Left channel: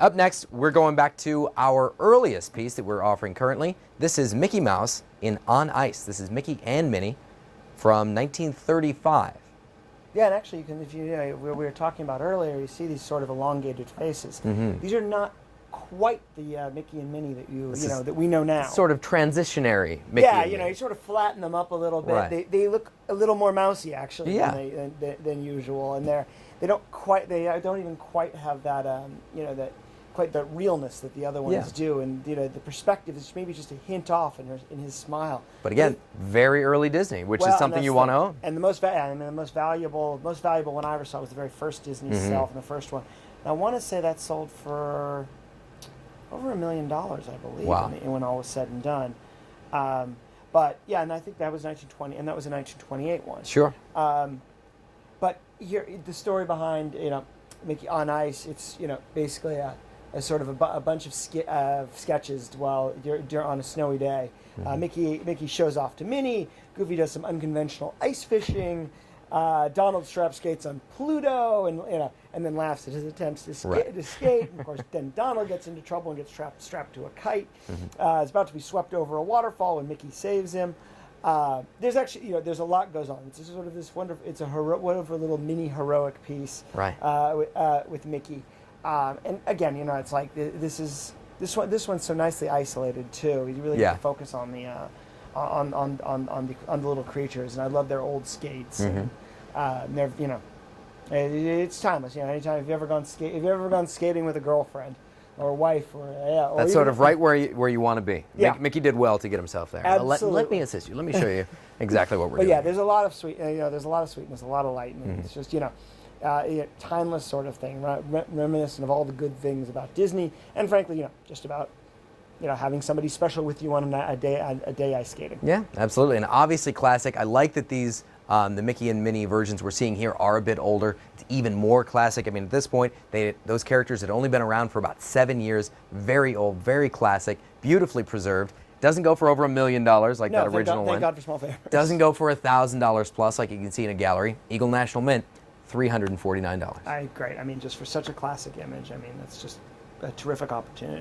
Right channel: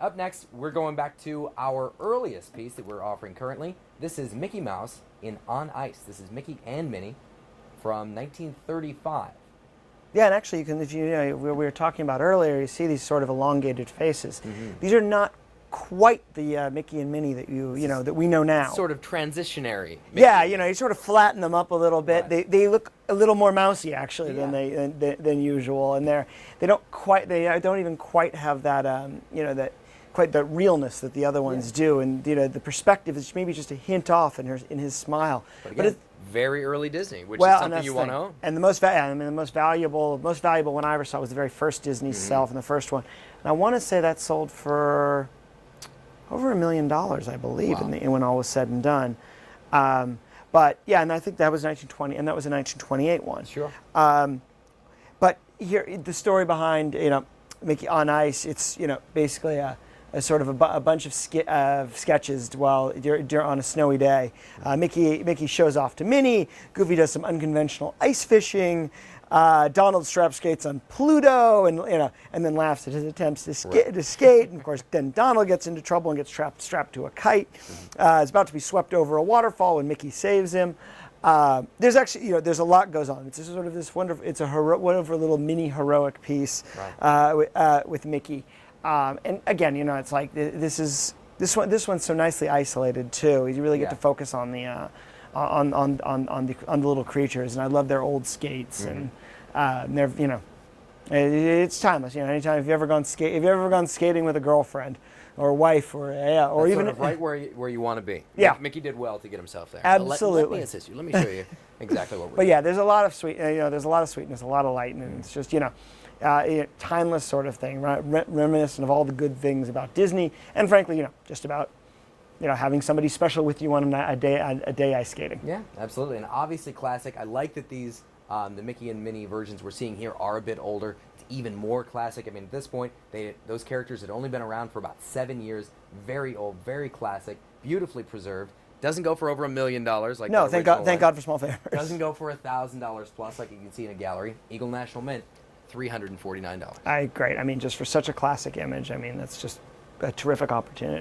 Up next, we're going back to our earliest piece that we're offering currently. This is Mickey Mouse in On Ice. This is Mickey and Minnie from 1935. Yeah, and actually, you can, if you know, we were talking about earlier, you see these sort of elongated faces. These are not quite the Mickey and Minnie that that we know now. Sort of transitionary Mickey. Yeah, you sort of flatten them up a little bit. Right. They look a little more mousy actually than usual, and they don't even quite have that that realness that the other ones do, and the perspective is maybe just a hint off in his smile. But again, very early Disney, which is something you want to own. And the most valuable one I ever saw was the very first Disney self, and the first one. And I want to say that sold for over $1 million, I believe, when all was said and done. But yeah, and I think that was 1920, and that was a 1928 one. Sure. But here, the story behind Mickey on Ice, it's basically a sort of a bunch of sketches on a snowy day. Mickey shows off to Minnie. Goofy does some unconventional ice fishing. Donald strap skates on Pluto, and then laughs at his attempts to skate. And of course, then Donald gets into trouble and gets strapped to a kite. Is about to be swept over a waterfall when Mickey saves him. There's actually, there's a lot goes on. It's just sort of this wonderful. It's a wonderful little mini heroic piece, with Mickey. And again, it's like this one's so nicely isolated too. You really get to focus on the little creatures, and I love their old skates, and they're it's timeless. Anytime if you've ever gone skating with a girlfriend or a wife or that's sort of right where you want to be. Yeah, Mickey did well to get himself there. Absolutely. Let me assist you. Let me show you exactly what we're doing. But yeah, there's a lot of there's a lot of sweetness, a lot of light, and it's just timeless sort of thing, right? Reminiscent of all the good things about Disney, and frankly, just about having somebody special with you on a day ice skating. Yeah, absolutely, and obviously classic. I like that these the Mickey and Minnie versions we're seeing here are a bit older. It's even more classic. I mean, at this point, those characters had only been around for about 7 years. Very old, very classic, beautifully preserved. Doesn't go for over $1 million like that original one. Thank God for small favors. Doesn't go for $1,000 plus like you can see in a gallery. Eagle National Mint, $349. Great. I mean, just for such a classic image, I mean, that's just a terrific opportunity.